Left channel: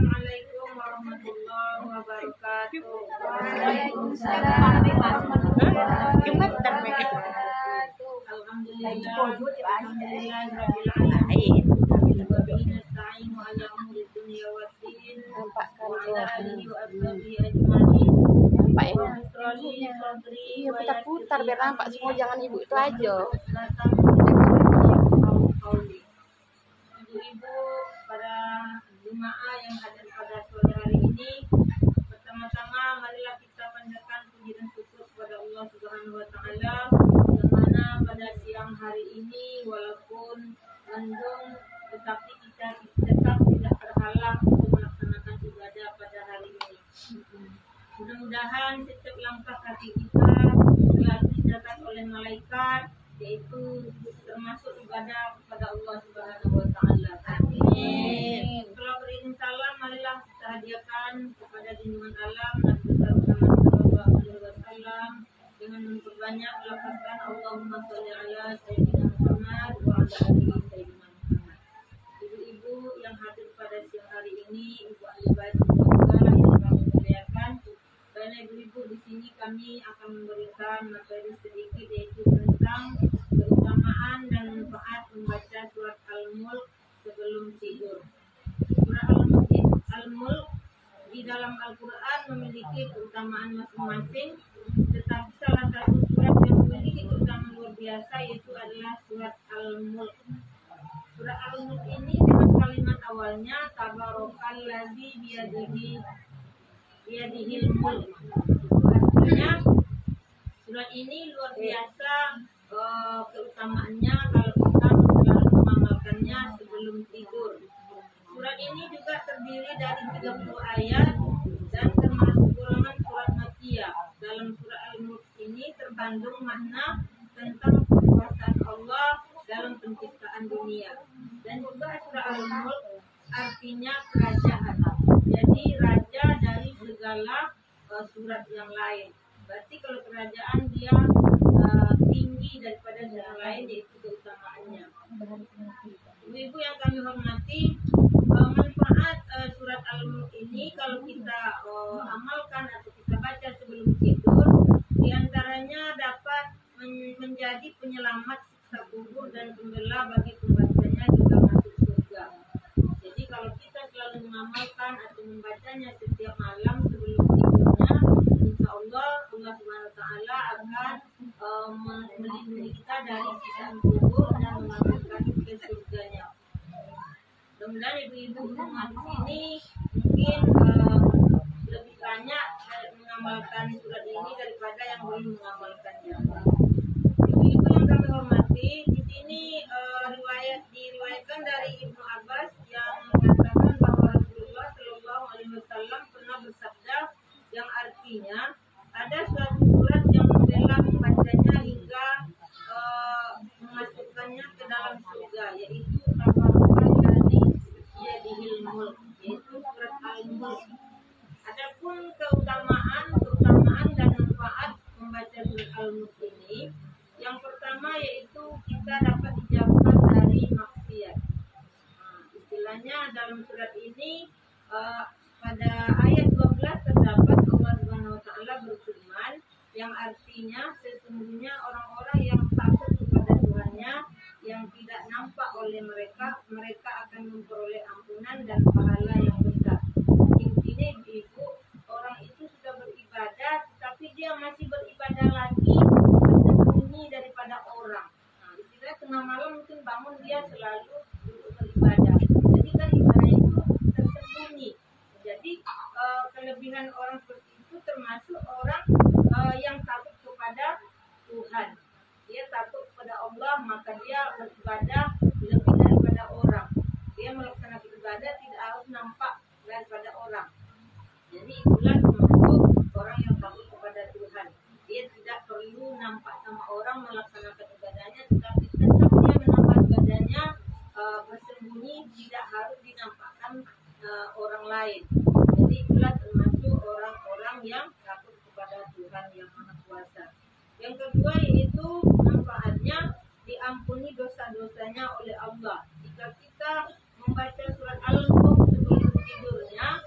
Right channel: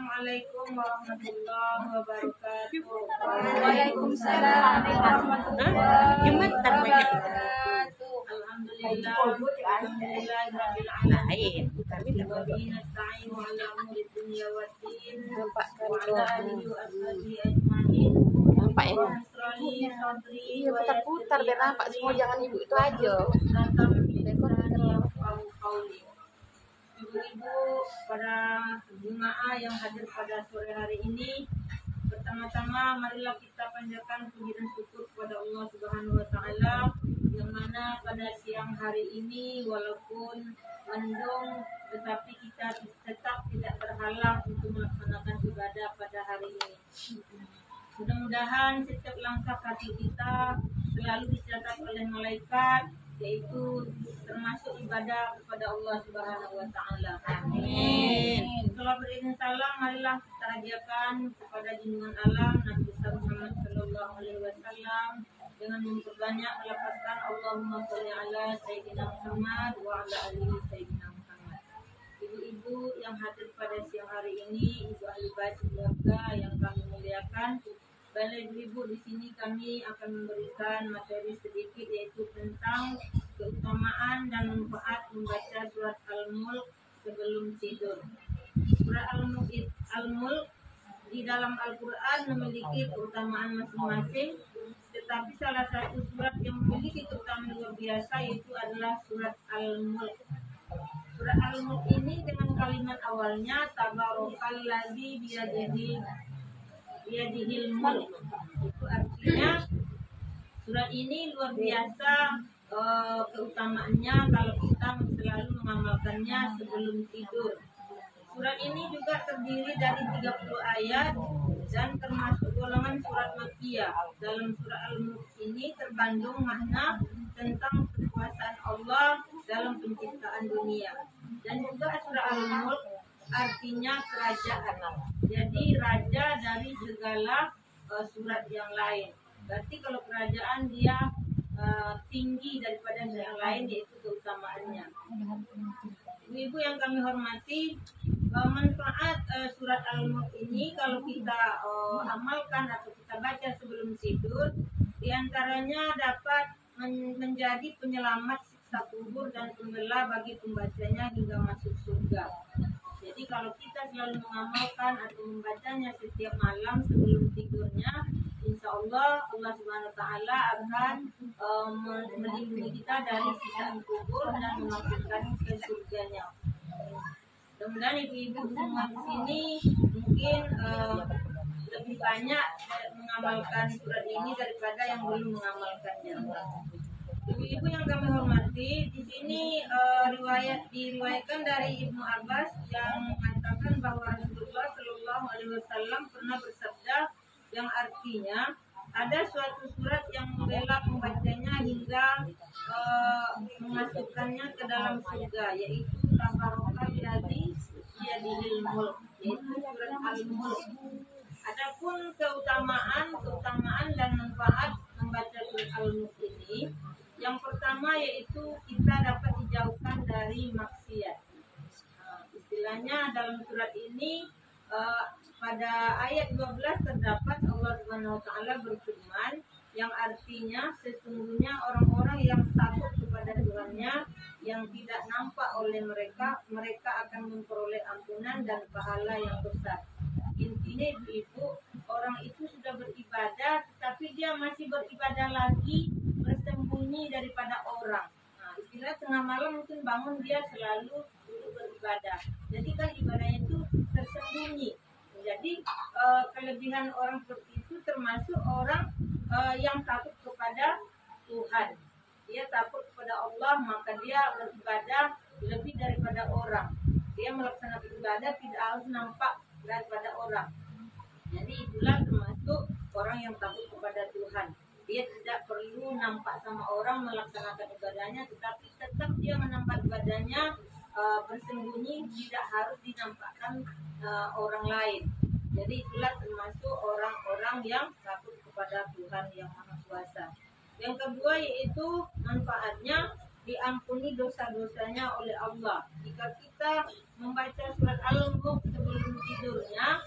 Assalamualaikum warahmatullahi wabarakatuh. Waalaikumsalam warahmatullahi wabarakatuh. Alhamdulillah, alhamdulillahirabbil alamin. Wa bihi nasta'inu ala umuri dunya waddin. Wa ala alihi wa ashabihi ajma'in. Nampak ya? Nasrani sadri. Iya, putar-putar biar nampak semua, jangan ibu itu aja. Datang qauli. Ibu-ibu, para jemaah yang hadir pada sore hari ini, pertama-tama marilah kita panjatkan puji dan syukur kepada Allah Subhanahu wa taala yang mana pada siang hari ini walaupun mendung tetapi kita tetap tidak terhalang untuk melaksanakan ibadah pada hari ini. Mudah-mudahan setiap langkah kaki kita selalu dicatat oleh malaikat, yaitu termasuk ibadah kepada Allah Subhanahu wa taala. Amin. Kalau berizin salam, marilah kita hadiahkan kepada junjungan alam Nabi besar Muhammad sallallahu alaihi wasallam dengan memperbanyak melafazkan Allahumma sholli ala sayyidina Muhammad wa ala alihi sayyidina Muhammad. Ibu-ibu yang hadir pada siang hari ini, ibu ahli bait keluarga yang kami muliakan, dan ibu-ibu di sini kami akan memberikan materi sedikit yaitu tentang keutamaan dan manfaat membaca surat Al-Mulk sebelum tidur. Surat Al-Mulk di dalam Al-Quran memiliki keutamaan masing-masing, tetapi salah satu surat yang memiliki keutamaan luar biasa yaitu adalah surat Al-Mulk. Surat Al-Mulk ini dengan kalimat awalnya Tabarakalladzi biyadihil mulk. Itu artinya surat ini luar biasa keutamaannya kalau kita selalu mengamalkannya sebelum tidur. Surat ini juga terdiri dari 30 ayat dan termasuk golongan surat Makkiyah. Dalam surat Al-Mulk ini terkandung makna tentang kekuasaan Allah dalam penciptaan dunia. Dan juga surat Al-Mulk artinya kerajaan. Jadi raja dari segala surat yang lain. Berarti kalau kerajaan dia tinggi daripada yang lain, yaitu keutamaannya. Ibu-ibu yang kami hormati, manfaat surat Al-Mulk ini kalau kita amalkan atau kita baca sebelum tidur, diantaranya dapat menjadi penyelamat siksa kubur dan pembela bagi pembacanya hingga masuk surga. Jadi kalau kita selalu mengamalkan atau membacanya setiap malam sebelum tidurnya, insya Allah Subhanahu wa taala akan melindungi kita dari siksaan kubur dan memasukkan ke surganya. Mudah-mudahan ibu-ibu semua di sini mungkin lebih banyak mengamalkan surat ini daripada yang belum mengamalkannya. Ibu-ibu yang kami hormati, di sini diriwayatkan dari Ibnu Abbas yang mengatakan bahwa Rasulullah Shallallahu Alaihi Wasallam pernah bersabda yang artinya ada suatu surat yang membela pembacanya hingga memasukkannya ke dalam surga, yaitu Tabarakalladzi biyadihil mulk, yaitu surat Al-Mulk. Adapun keutamaan dan manfaat membaca surat Al-Mulk ini, yang pertama yaitu kita dapat dijauhkan dari maksiat. Istilahnya dalam surat ini pada ayat 12 terdapat Allah Subhanahu wa taala berfirman yang artinya sesungguhnya orang-orang yang takut kepada Tuhannya yang tidak nampak oleh mereka akan memperoleh ampunan dan pahala yang besar. Intinya ibu, orang itu sudah beribadah tetapi dia masih beribadah lagi tersembunyi daripada orang. Istilah tengah malam mungkin bangun dia selalu duduk beribadah. Jadi kan ibadah itu tersembunyi. Jadi kelebihan orang seperti itu termasuk orang yang takut kepada Tuhan. Dia takut kepada Allah, maka dia beribadah lebih daripada orang. Dia melaksanakan ibadah tidak harus nampak daripada orang. Jadi itulah termasuk orang yang takut kepada Tuhan. Dia tidak perlu nampak sama orang melaksanakan ibadahnya, tetapi tetap dia menambah ibadahnya bersembunyi, tidak harus dinampakkan orang lain. Jadi itulah termasuk orang-orang yang takut kepada Tuhan yang Maha Kuasa. Yang kedua yaitu manfaatnya diampuni dosa-dosanya oleh Allah. Jika kita membaca surat Al-Mulk sebelum tidurnya,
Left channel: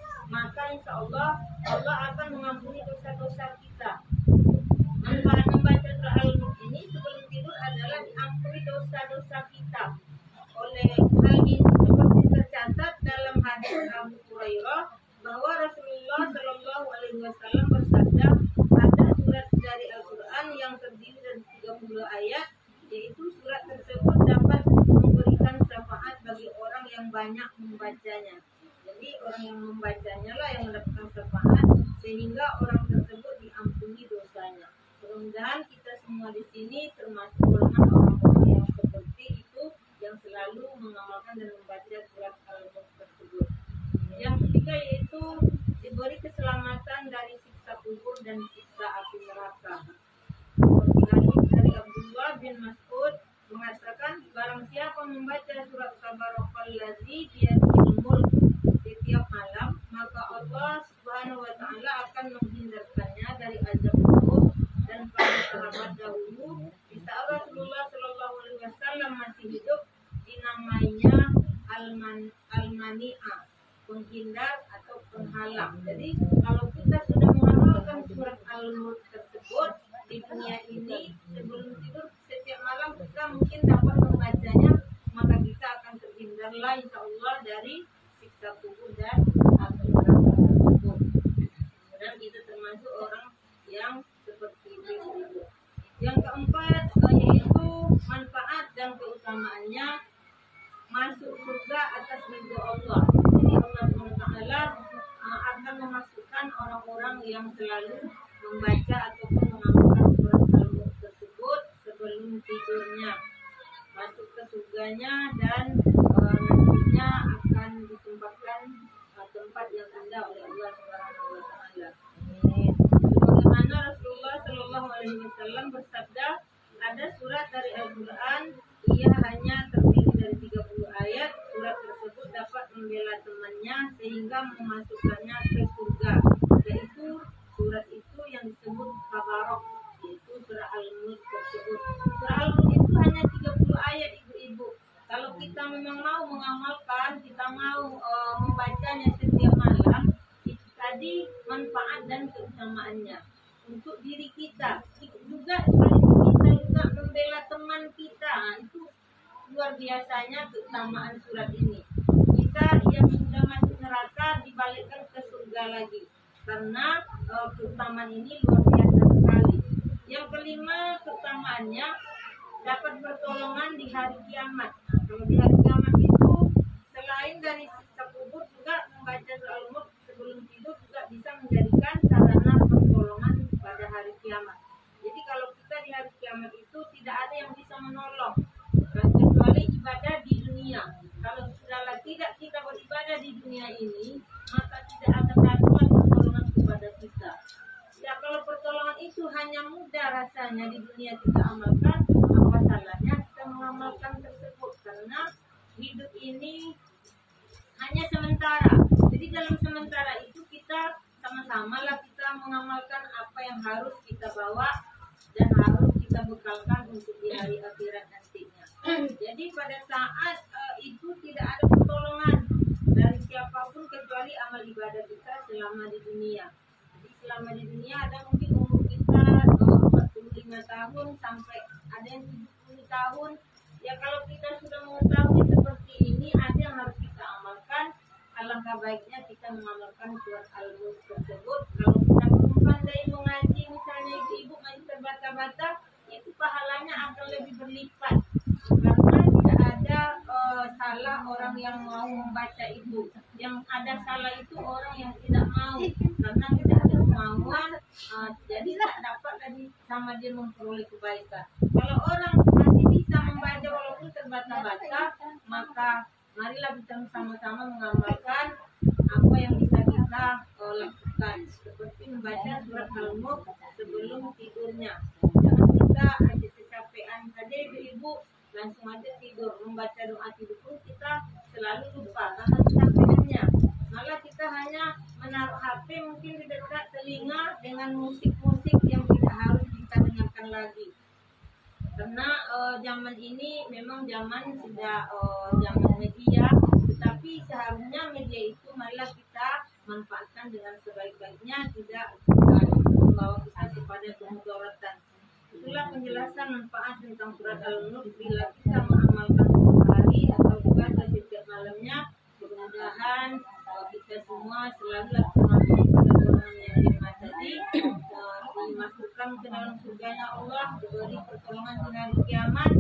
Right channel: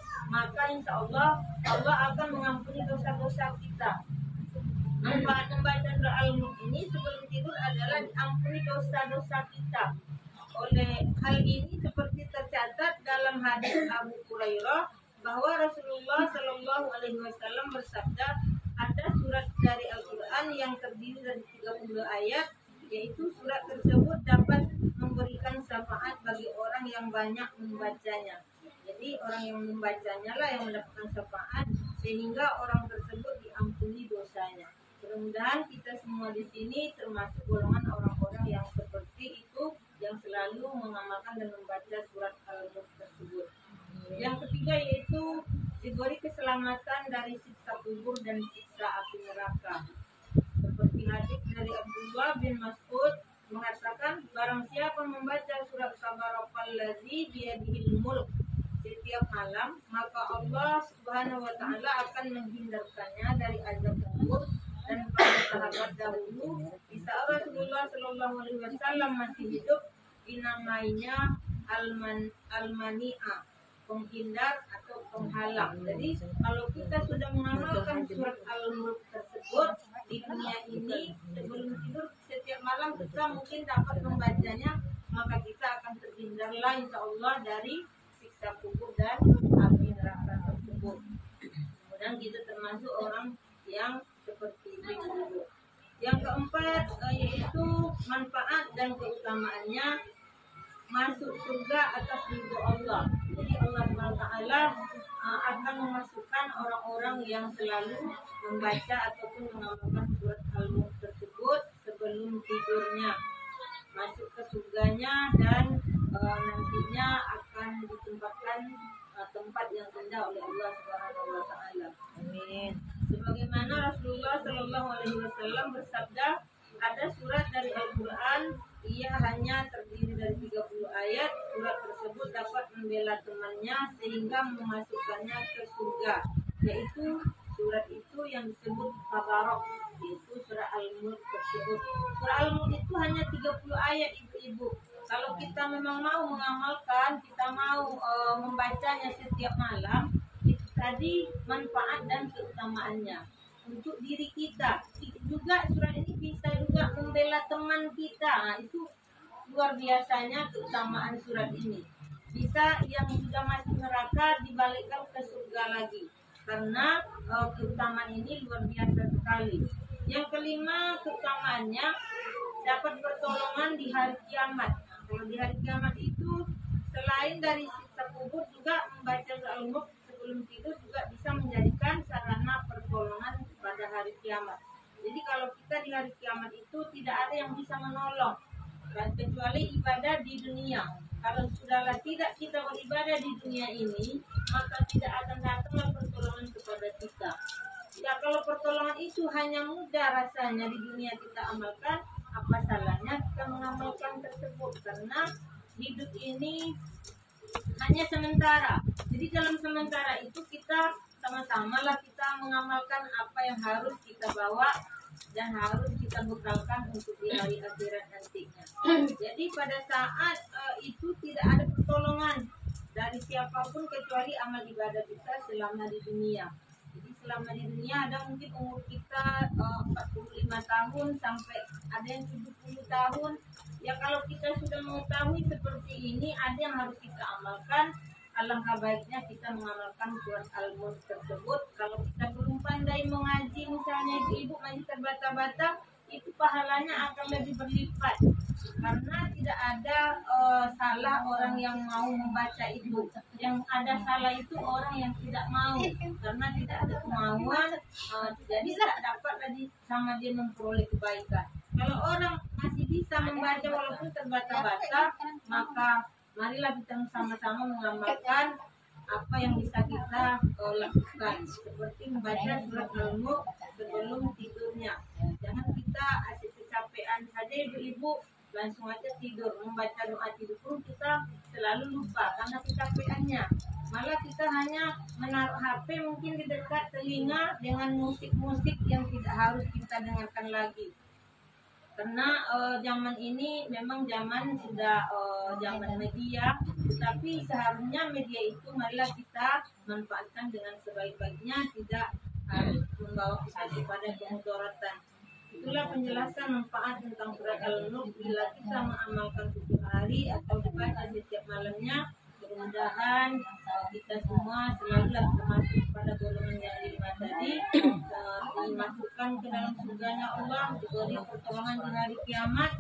insya Allah Allah akan mengampuni dosa-dosa kita. Manfaat membaca surah Al-Mulk ini sebelum tidur adalah diampuni dosa-dosa kita. Oleh hal ini seperti tercatat dalam hadis Abu Hurairah bahwa Rasulullah Shallallahu Alaihi Wasallam bersabda, ada surat dari Al-Quran yang terdiri dari 30 ayat, yaitu surat tersebut dapat memberikan syafaat bagi orang yang banyak membacanya. Jadi orang yang membacanya lah yang mendapatkan syafaat, sehingga orang tersebut diampuni dosanya. Mudah-mudahan kita semua di sini termasuk golongan orang-orang yang seperti itu, yang selalu mengamalkan dan membaca surat Al-Mulk tersebut. Yang ketiga yaitu diberi keselamatan dari siksa kubur dan siksa api neraka. Seperti hadis dari Abdullah bin Mas'ud mengatakan, barang siapa membaca surat Tabarakalladzi biyadihil mulk setiap malam, maka Allah Subhanahu wa taala akan menghindarkannya dari azab kubur. Dan para sahabat dahulu di saat Rasulullah Shallallahu Alaihi Wasallam masih hidup dinamainya al-mani'a, penghindar atau penghalang. Jadi kalau kita sudah mengamalkan surat Al-Mulk tersebut di dunia ini sebelum tidur setiap malam kita mungkin dapat membacanya, maka kita akan terhindarlah insya Allah dari siksa kubur dan api neraka tersebut. Kemudian kita termasuk orang yang seperti itu. Yang keempat yaitu manfaat dan keutamaannya masuk surga atas ridho Allah. Jadi Allah SWT akan memasukkan orang-orang yang selalu membaca ataupun mengamalkan surat Al-Mulk tersebut sebelum tidurnya, masuk ke surganya, dan nantinya akan ditempatkan tempat yang indah oleh Allah Subhanahu wa taala. Amin. Sebagaimana Rasulullah Shallallahu Alaihi Wasallam bersabda, ada surat dari Al-Quran, ia hanya terdiri dari 30 ayat. Surat tersebut dapat membela temannya sehingga memasukkannya ke surga, yaitu surat itu yang disebut Tabarok, yaitu surah Al-Mulk tersebut. Surah Al-Mulk itu hanya 30 ayat ibu-ibu. Kalau kita memang mau mengamalkan, kita mau membacanya setiap malam, itu tadi manfaat dan keutamaannya untuk diri kita. Juga surat ini bisa juga membela teman kita. Nah, itu luar biasanya keutamaan surat ini. Bisa yang sudah masuk neraka dibalikkan ke surga lagi, karena keutamaan ini luar biasa sekali. Yang kelima keutamaannya dapat pertolongan di hari kiamat. Nah, kalau di hari kiamat itu selain dari siksa kubur, juga membaca Al-Mulk sebelum tidur juga bisa menjadikan sarana pertolongan pada hari kiamat. Jadi kalau kita di hari kiamat itu tidak ada yang bisa menolong kecuali ibadah di dunia. Kalau sudahlah tidak kita beribadah di dunia ini, maka tidak akan datanglah pertolongan kepada kita. Ya, kalau pertolongan itu hanya mudah rasanya di dunia kita amalkan, apa salahnya kita mengamalkan tersebut? Karena hidup ini hanya sementara. Jadi dalam sementara itu kita sama-sama lah kita mengamalkan apa yang harus kita bawa dan harus kita bekalkan untuk di hari akhirat nantinya. Jadi pada saat itu tidak ada pertolongan dari siapapun kecuali amal ibadah kita selama di dunia. Jadi selama di dunia ada mungkin umur kita 45 tahun sampai ada yang 70 tahun. Ya kalau kita sudah mengetahui seperti ini, ada yang harus kita amalkan. Alangkah baiknya kita mengamalkan surat Al-Mulk tersebut. Kalau kita belum pandai mengaji, misalnya ibu-ibu masih terbata-bata, itu pahalanya akan lebih berlipat. Karena tidak ada salah orang yang mau membaca itu. Yang ada salah itu orang yang tidak mau, karena tidak ada kemauan, jadi tidak dapat lagi sama dia memperoleh kebaikan. Kalau orang masih bisa membaca walaupun terbata-bata, maka marilah kita sama-sama mengamalkan apa yang bisa kita lakukan, seperti membaca surat Al-Mulk sebelum tidurnya. Jangan kita asyik kecapean saja ibu-ibu, langsung aja tidur. Membaca doa tidur pun kita selalu lupa karena kecapeannya. Malah kita hanya menaruh HP mungkin di dekat telinga dengan musik-musik yang tidak harus kita dengarkan lagi. Karena zaman ini memang zaman sudah zaman media, tetapi seharusnya media itu marilah kita manfaatkan dengan sebaik-baiknya, tidak harus membawa kita kepada kemudaratan. Itulah penjelasan manfaat tentang surat Al-Mulk. Bila kita mengamalkan setiap hari atau dibaca setiap malamnya, mudah-mudahan kita semua selalu termasuk pada golongan yang 5 tadi, dimasukkan ke dalam surganya Allah, diberi pertolongan di hari kiamat,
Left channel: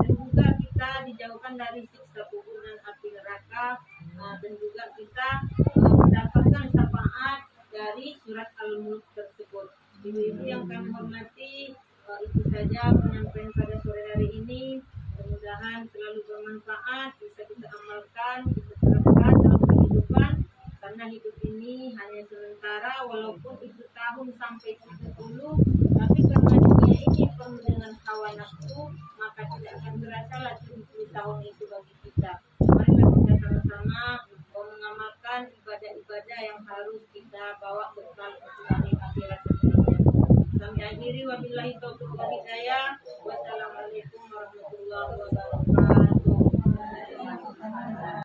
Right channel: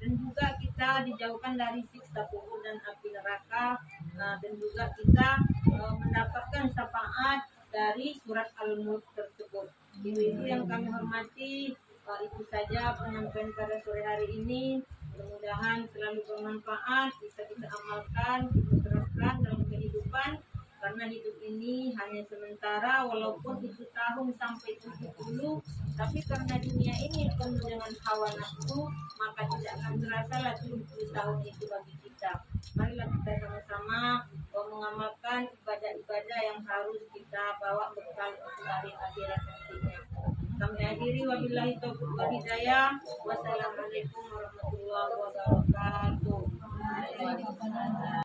dan juga kita dijauhkan dari siksa kubur dan api neraka, dan juga kita mendapatkan syafaat dari surat Al-Mulk tersebut. Ibu-ibu yang kami hormati, itu saja penyampaian pada sore hari ini. Mudah-mudahan selalu bermanfaat, bisa kita amalkan, kita terapkan dalam kehidupan, karena hidup ini hanya sementara. Walaupun itu tahun sampai 70, tapi karena dunia ini penuh dengan hawa nafsu, maka tidak akan terasa lah 70 tahun itu bagi kita. Marilah kita sama-sama mengamalkan ibadah-ibadah yang harus kita bawa bekal untuk hari akhirat nantinya. Kami akhiri, wabillahi taufiq wal hidayah. Wassalamualaikum warahmatullahi